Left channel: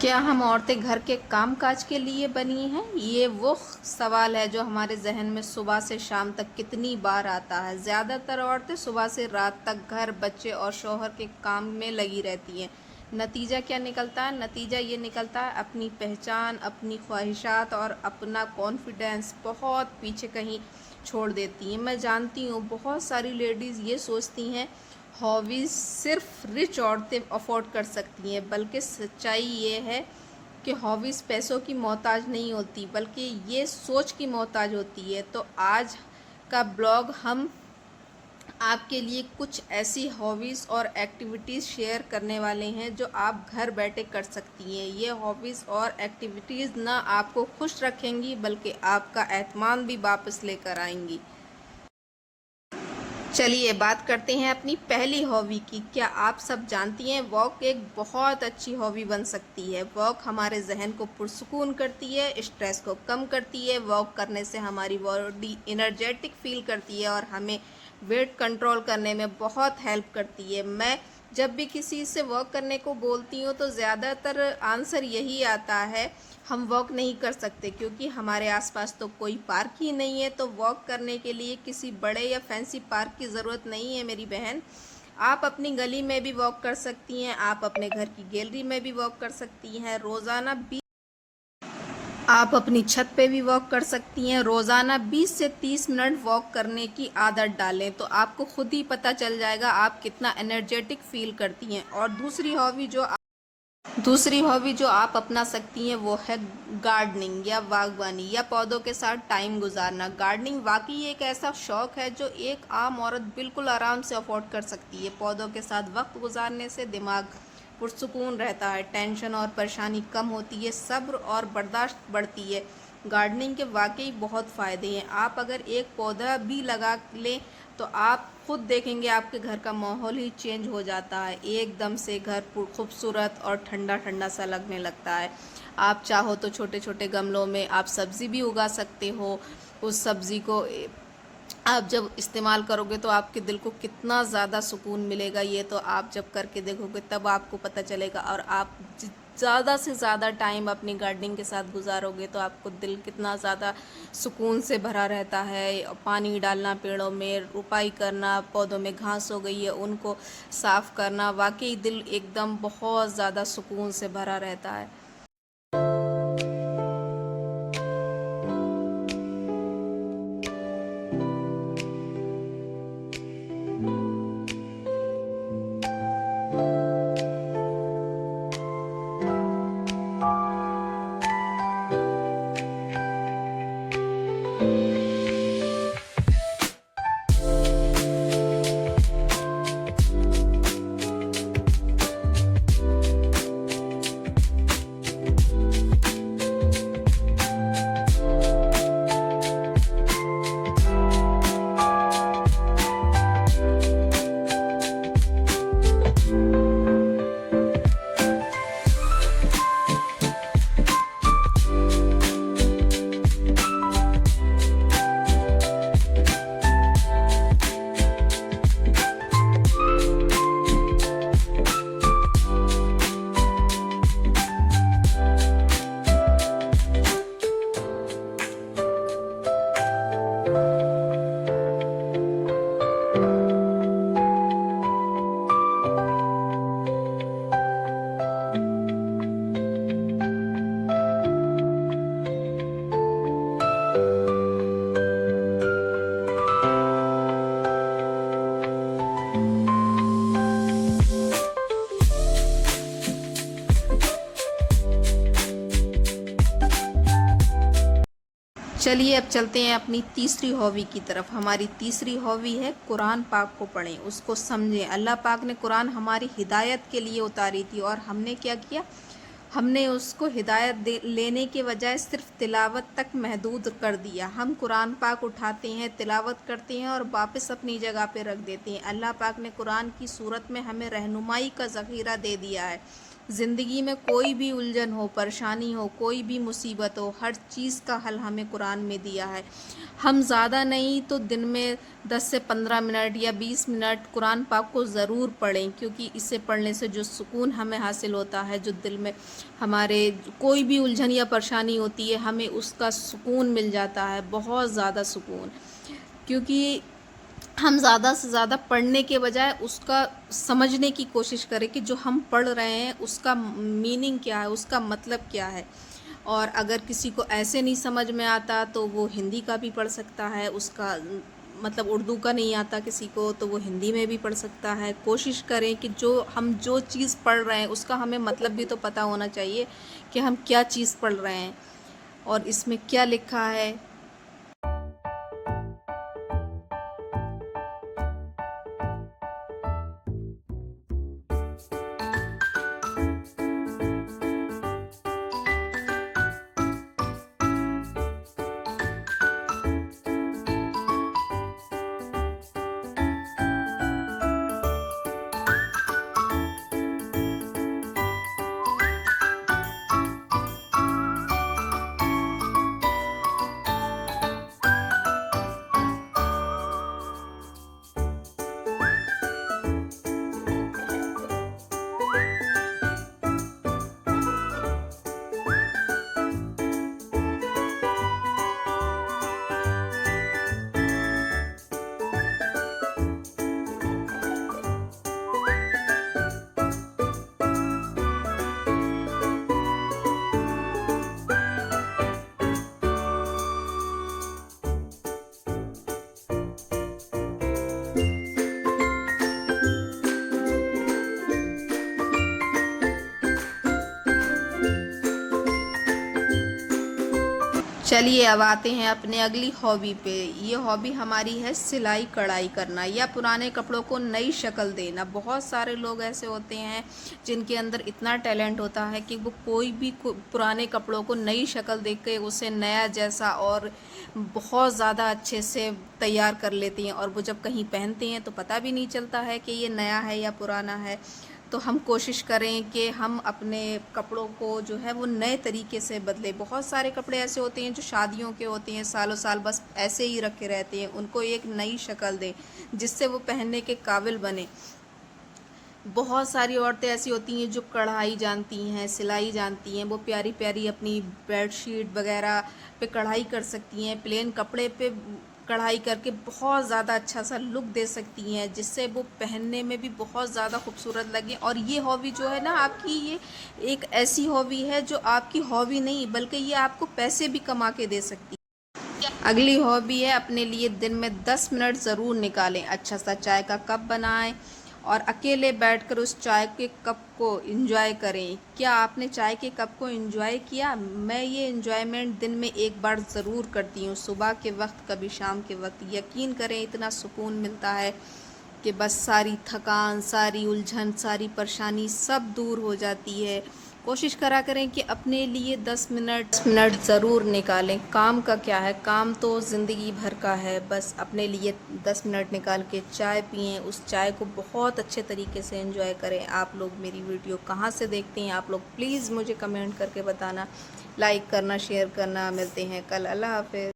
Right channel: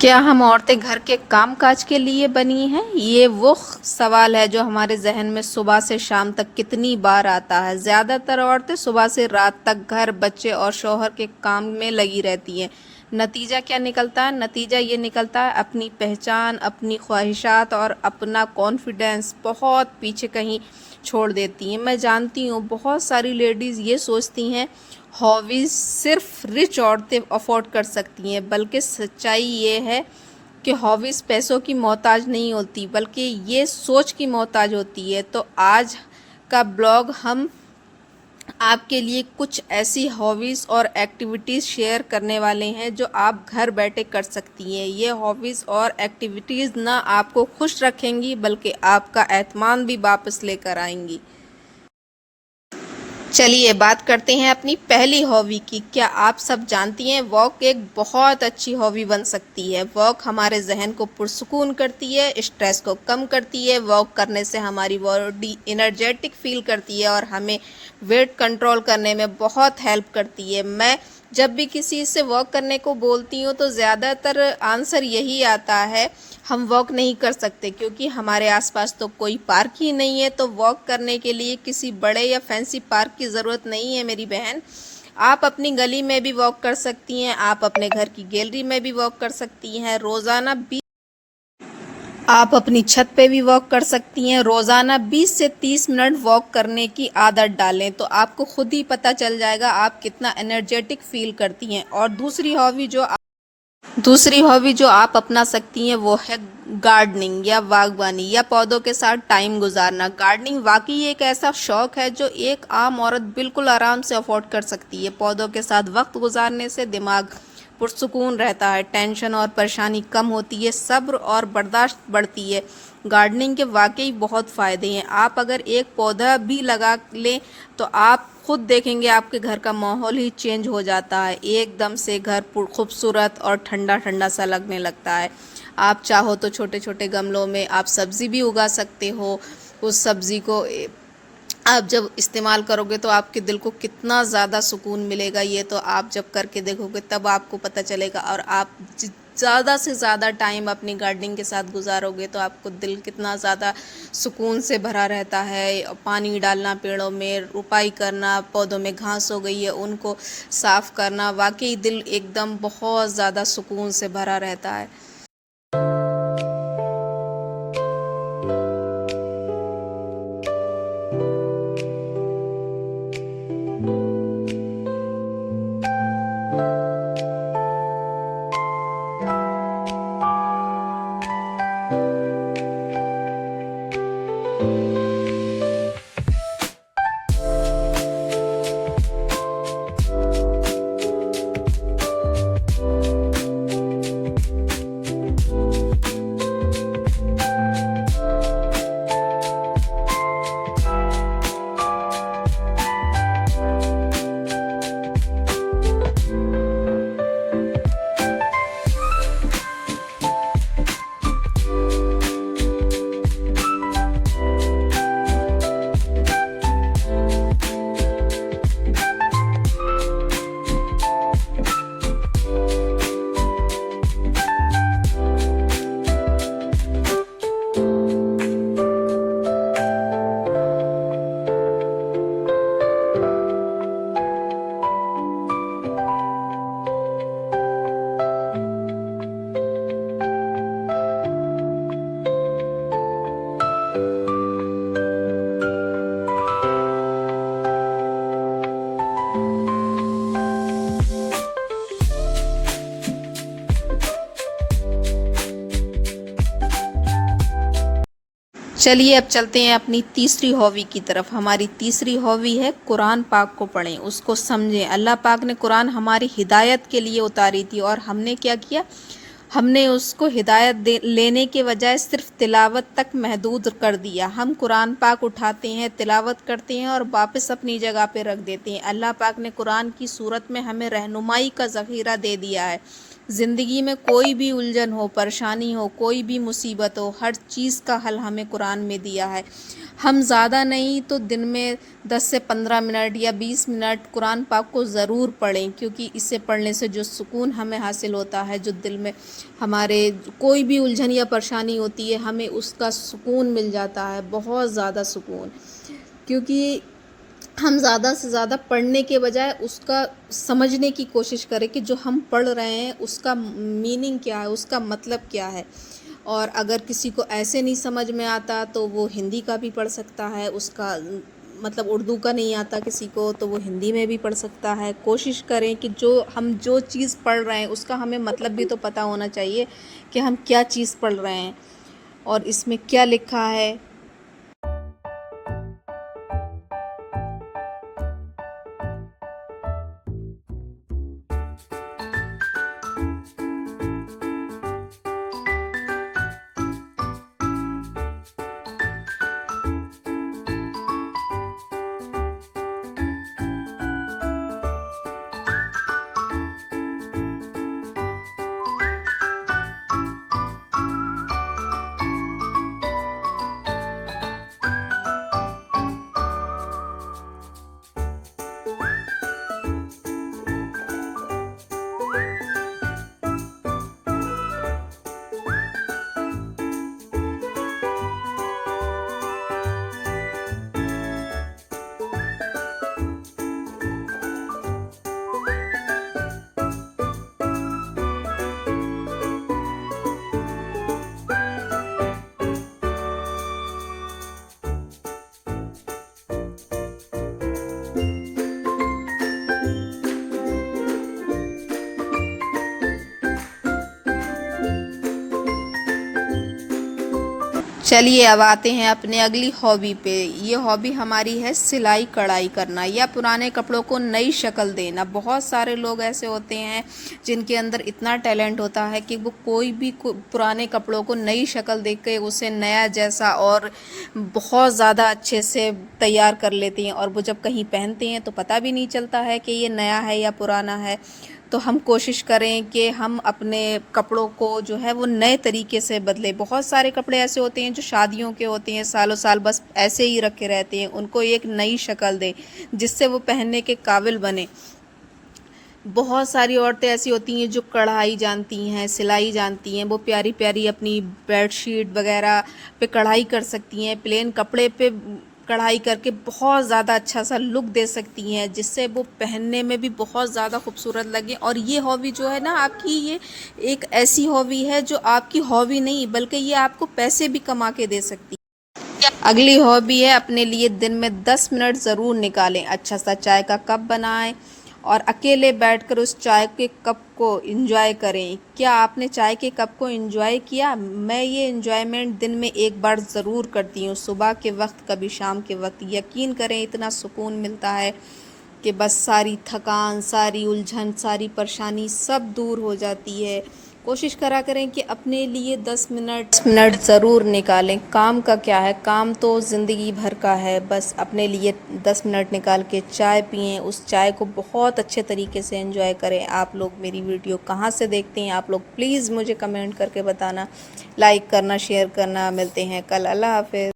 क्या हम औरतें घर के काम-काज के लिए बनी हैं? ये वो सवाल है जो हमारे ज़हन में सुबह से शाम तक कितनी बार आता है। ज़्यादातर औरतें सुबह से रात तक घर, बच्चे और शौहर के काम में लगी रहती हैं। नतीजा क्या निकलता है? नतीजा ये निकलता है अपनी पहचान, अपनी ख्वाहिशात और अपना कॉन्फिडेंस बहुत पीछे कहीं छोड़ देती हैं। मैं जानती हूँ बहुत सारी लेडीज़ ये सोचती हैं हॉबीज़ सिर्फ रिच औरतें अफोर्ड कर सकती हैं, बल्कि सच्चाई ये है कि हॉबीज़ पैसों की मोहताज नहीं होती, बल्कि ये सोच की मोहताज होती है। तो आज का ब्लॉग हम आपके लिए कुछ ऐसी हॉबीज़ और एक्टिविटीज़ शेयर करने वाले हैं जो आप घर बैठे कर सकती हैं। ये हॉबीज़ और एक्टिविटीज़ ना आपको खुश रखेंगी, बल्कि आपका एतमान भी वापस लेकर आएंगी। चलिए बात करते हैं अपनी पहली हॉबी की। क्या आप सब जानती हैं वॉक एक बहुत अच्छी हॉबी बन सकती है। वॉक हमारे जहन को पुरसुकून करती है, स्ट्रेस को कम करती है। वॉक करने से हमारी बॉडी एनर्जेटिक फील करती है और हमें वेट कंट्रोल करने में बहुत हेल्प करती है। मैं जब भी किसी से वॉक करने को बोलती हूँ तो ज़्यादातर आंसर यही आता है हम वॉक नहीं कर सकते, क्योंकि हमारे आसपास तो कोई पार्क ही नहीं है। तो वॉक करने के लिए किसी बड़े या फैंसी पार्क की ज़रूरत नहीं है मेरी बहन। आप अपनी गली में भी वॉक कर सकती हैं, आप अपने घर की गैलरी में भी वॉक कर सकती हैं। रोज़ाना आप अपनी छत पे भी वॉक कर सकती हैं। रोज़ाना 20 से 30 मिनट वॉक करने की आदत डालें तो आपको खुद ही पता चल जाएगा आप कितना एनर्जेटिक फील करती हैं। और दूसरी हॉबी जो आप अपना सकती हैं वो है गार्डनिंग या बागवानी या पौधों के साथ टाइम गुजारना। गार्डनिंग वाकई एक ऐसा शौक है जो एक आम औरत बिल्कुल आराम से अफोर्ड कर सकती है। पौधों के साथ वक्त गुजारने से दिमाग पुरसुकून रहता है, टेंशन और परेशानी कम होती है, सब्र और बर्दाश्त बढ़ती है। गार्डनिंग के वाकई बहुत फ़ायदे हैं। आप अगर एक पौधा भी लगा लें तो आप खुद देखेंगे आपके घर का माहौल ही चेंज हो जाता है। एकदम से घर खूबसूरत और ठंडा ठंडा सा लगने लगता है। आप चाहो तो छोटे छोटे गमलों में आप सब्ज़ी भी उगा सकते हो। उस सब्ज़ी को आप जब इस्तेमाल करोगे तो आपके दिल को कितना ज़्यादा सुकून मिलेगा, ये तो आप जब करके देखोगे तब आपको पता चलेगा। और आप ज़्यादा से ज़्यादा टाइम अपनी गार्डनिंग के साथ गुजारोगे तो आपको दिल कितना ज़्यादा सुकून से भरा रहता है। पानी डालना, पेड़ों में रुपाई करना, पौधों में घास हो गई है उनको साफ़ करना, वाकई दिल एकदम बहुत ज़्यादा सुकून से भरा रहता है। चलिए अब चलते हैं अपनी तीसरी हॉबी की तरफ। हमारी तीसरी हॉबी है कुरान पाक को पढ़ें, उसको समझें। अल्लाह पाक ने कुरान हमारी हिदायत के लिए उतारी थी और हमने क्या किया, हमने उसको हिदायत लेने के बजाय सिर्फ तिलावत तक महदूद कर दिया। हम कुरान पाक उठाते हैं, तिलावत करते हैं और वापस अपनी जगह पे रख देते हैं। अल्लाह पाक ने कुरान की सूरत में हमें रहनुमाई का ज़ख़ीरा दे दिया है। ज़िंदगी में कोई भी उलझन हो, परेशानी हो, कोई भी मुसीबत हो, हर चीज़ का हल हमें कुरान में दिया है। हम ज़्यादा नहीं तो दिन में 10 से 15 मिनट या 20 मिनट कुरान पाक को ज़रूर पढ़ें, क्योंकि इसे पढ़ने से जो सुकून हमें हासिल होता है, जो दिल में हमारे कोई भी उलझन या परेशानी होती है, हमें उसका सुकून मिल जाता है, बहुत ज़्यादा सुकून। क्योंकि हम ज़्यादा से ज़्यादा पढ़ने के बजाय उसका समझने की कोशिश करें कि जो हम पढ़ रहे हैं उसका मीनिंग क्या है, उसका मतलब क्या है। और अगर किसी को ऐसे नहीं समझ में आता तो वो हिंदी का भी पढ़ सकता है, उसका मतलब उर्दू का नहीं आता किसी को तो वो हिंदी में भी पढ़ सकता है। कोशिश करें कि जो चीज़ पढ़ रहे हैं उसका हमें मतलब भी तो पता होना चाहिए कि हम क्या चीज़ पढ़ रहे हैं और इसमें क्या लिखा है। चलिए अब आते हैं अपने अगली हॉबी पे। ये हॉबी हमारी है सिलाई कढ़ाई करना या पुराने कपड़ों को नई शक्ल देना। बहुत सारे लोग ऐसे होते हैं जिनके अंदर इतना टैलेंट होता है कि वो कोई भी पुराने कपड़ों को नई शक्ल दे के उसे नया जैसा और बहुत ज़्यादा अच्छे से तैयार कर लेते हैं, और वो जब कहीं पहनते हैं तो पता भी नहीं चलता है कि ये नया है या पुराना है। तो हम कोशिश करें कि हम अपने कपड़ों को जो है वो नए तरीके से बदलें। बहुत सारे कपड़े ऐसे होते हैं जो शादियों के होते हैं, सालों साल बस ऐसे ही रखे रहते हैं, उनको एक नई शक्ल दें जिससे वो पहनने के काबिल बने। बहुत सारी औरतें ऐसी होती हैं जो कढ़ाई जानती हैं, सिलाई जानती हैं, वो प्यारी प्यारी अपनी बेडशीट वगैरह पे कढ़ाई कर सकती हैं, प्लेन कपड़े पे कढ़ाई करके बहुत ज़्यादा अच्छा सा लुक दे सकती हैं, जिससे वो पहनने में भी बहुत ज़्यादा खूबसूरत लगे। और ये हॉबी जो है ना आपकी, ये एक ऐसी हॉबी है जो आपकी हॉबी नहीं बल्कि ये आपको पैसे भी कमा के दे सकती है। अगली हॉबी है अपने लिए दिन में 10 मिनट ज़रूर निकालें, अच्छा सा चाय का कप बनाएं और अकेले बैठकर उस चाय के कप को एंजॉय करें। क्या आपने चाय के कप को एंजॉय किया? मैं ये एंजॉयमेंट दिन में एक बार ज़रूर करती हूँ, सुबह के वक्त, कभी शाम के वक्त। यकीन करें इतना सुकून मिलता है कि बस सारी थकान, सारी उलझन, सारी परेशानी सब दूर हो जाती है। कोशिश करा करें कि अपने लिए 10 मिनट ज़रूर निकालें। काम का क्या है, काम तो ज़िंदगी भर का है। बस अपने लिए 10 मिनट निकाल के चाय पिएं, उस चाय को बहुत अच्छे तरीके से एंजॉय करें। आप लोग मेरी वीडियो कहाँ से देखते हैं आप लोग प्लीज़ मुझे कमेंट करके बताना, लाइक करना, शेयर करना। मिलते हैं कल, अल्लाह हाफ़िज़।